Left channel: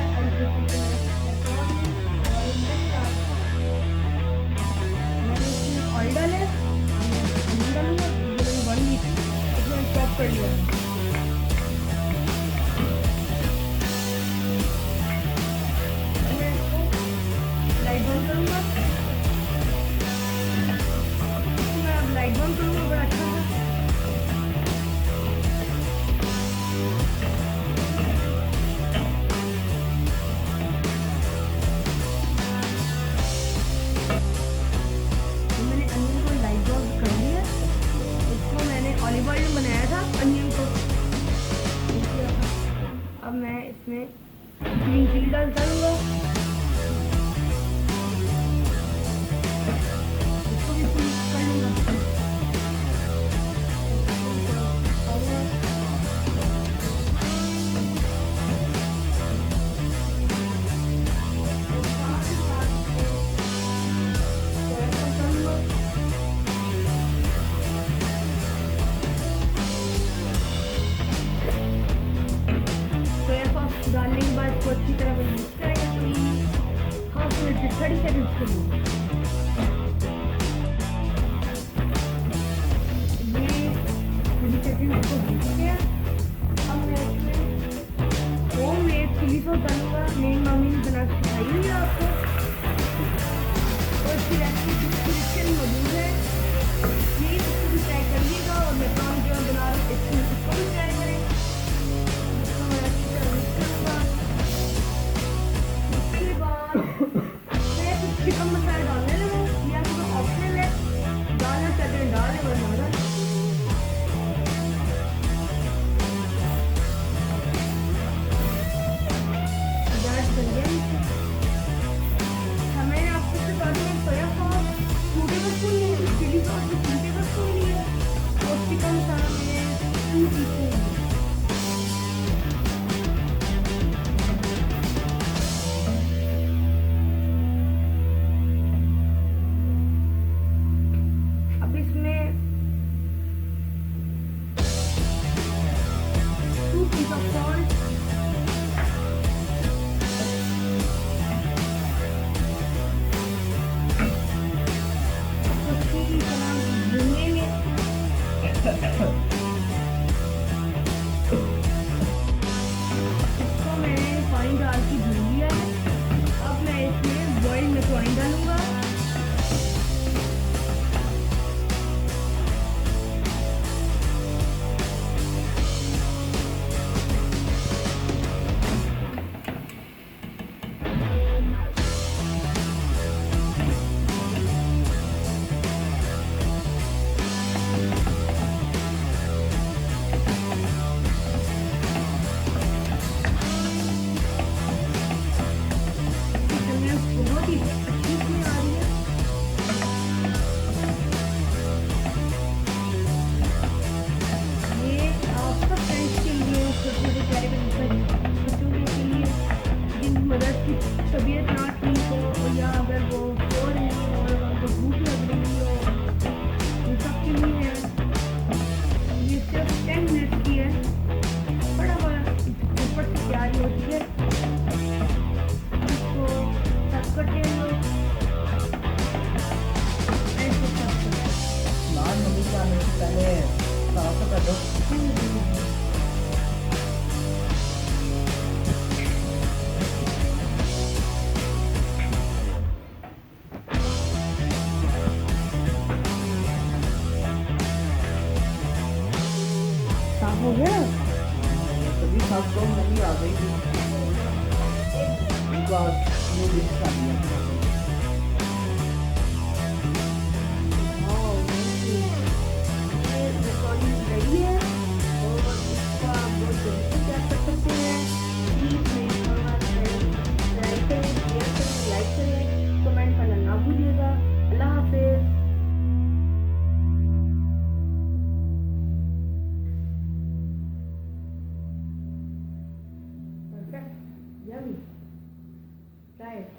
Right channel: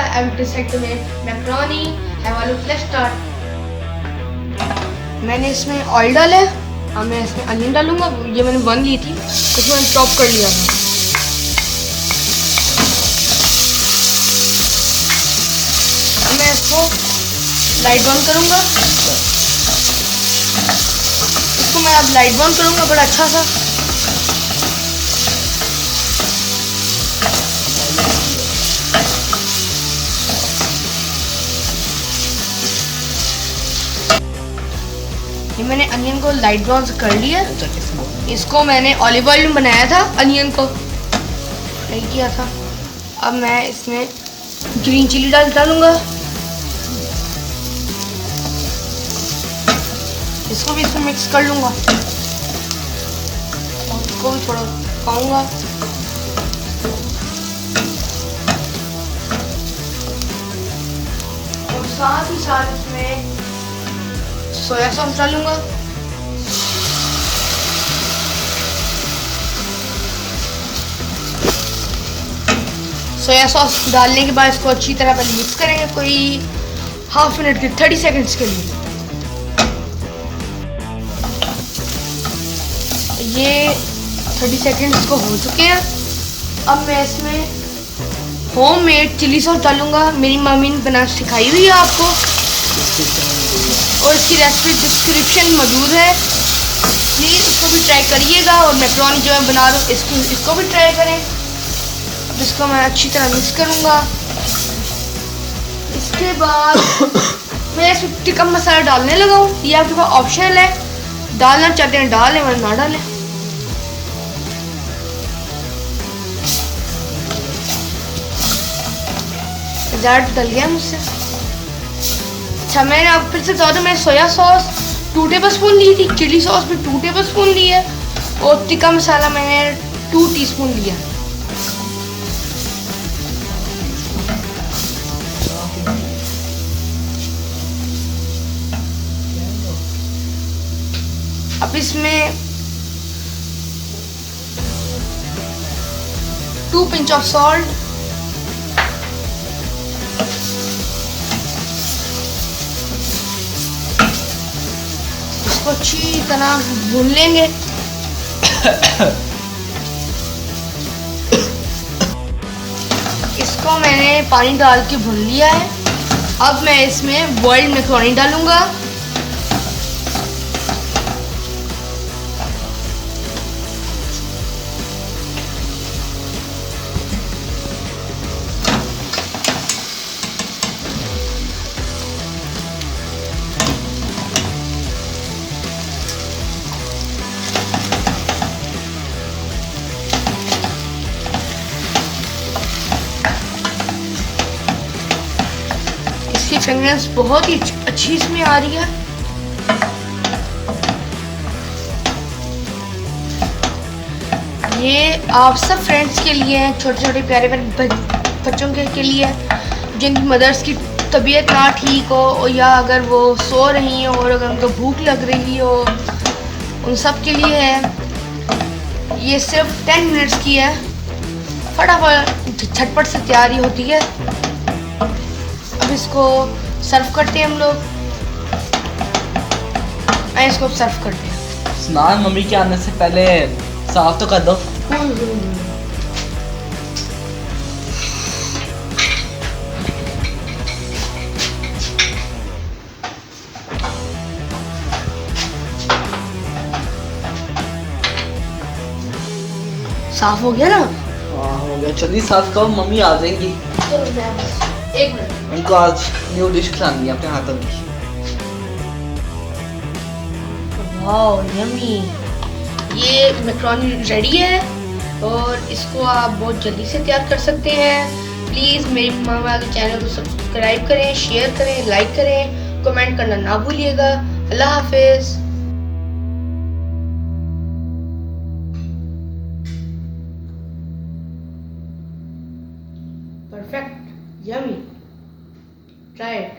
I will decide to make macaroni. Have a look. Let's start. मैंने इसमें oil डाला है। अब मैं इसमें अनियन डालूंगा। ये मैंने बन ली थी, इसमें मैंने चॉप कर लिया था। अब मैं इसको लाइट ब्राउन करूंगा। इसको मैं अब लाइट ब्राउन करूंगा बड़ा अच्छा सा। ये मैंने अनियन को लाइट ब्राउन से कर लिया। इसको मैंने ऑलिव ऑयल में बनाया था, अनियन को नहीं किया था। अब मैं इसमें ग्रीन चिली डालूंगा। इसको भी इसमें मिक्स कर लूंगा। इसको भी थोड़ा पकाऊंगा। और साथ ही साथ इसमें सोया सॉस डालूंगा। सोया सॉस डालने के बाद इसको अच्छी तरह पहले मिक्स करेंगे कोई हाफ मिनट के 30 सेकंड्स के लिए। ये 30 सेकंड्स को हो चुके हैं। अब मैं इसमें होममेड चिली सॉस डालूंगा। मेरी मम्मी ने बनाना सिखाई हुई है आपको, और इसकी रेसिपी डिस्क्रिप्शन में मौजूद है। प्लीज़ इसको भी ट्राई करिएगा। और मैकरोनी जो मैं बना रहा हूँ इसको भी ट्राई करें। अब इसको मैं अच्छी तरह मिक्स करूँगा। इसके बाद मैं इसमें टिक्का मसाला डालने लगा हूँ। ये आपके पास ऑप्शनल है, डालना चाहते हैं डालें वरना ना डालें। ज़्यादा डल गया मुझसे। अच्छा, मैंने अब फिर से बता दूं, मैंने सोया सॉस 2 टेबलस्पून ली थी, चिली सॉस भी 2 टेबलस्पून ली है, और टिक्का मसाला मैंने 2 टीस्पून लिया। अब इसमें 2 पिंच ऑफ सॉल्ट, अच्छी तरह भून लेंगे। इसको मैंने पानी डाल के भून लिया है। अब मैं इसमें बॉइल्ड मैकरोनी डालूंगा। फ्रेगरेंस बहुत ही अच्छी इसमें आ रही है। ये आप सब फ्रेंड्स के लिए हैं, छोटे छोटे प्यारे बच्चों के लिए, जिनकी मदर्स की तबीयत ना ठीक हो, या अगर वो सो रही हो और अगर उनको भूख लग रही हो, उन सब के लिए है। ये सिर्फ 10 मिनट्स की है, फटाफट झटपट से तैयारी होती है। अब इसको सर्व करते हैं हम लोग। मैं इसको सर्व करते हैं। स्नान मम्मी के आने से पहले साफ तो कर दो। साफ हो गया ना? हाँ हो गया। जल्दी साफ करो, मम्मी आ जाएंगी। एक मिनट, उनको आज न्यू डिश खिलानी है अपने हाथों की। Wow yummy. ये मैकरोनी रेडी है और इसको आप बहुत जल्दी से तैयार कर सकते हैं। प्लीज़ मेरी मामा के चैनल को सब्सक्राइब करें, शेयर करें, लाइक करें, कमेंट करना ना भूलिएगा। अल्लाह हाफिज़। Perfect, yummy. Try it.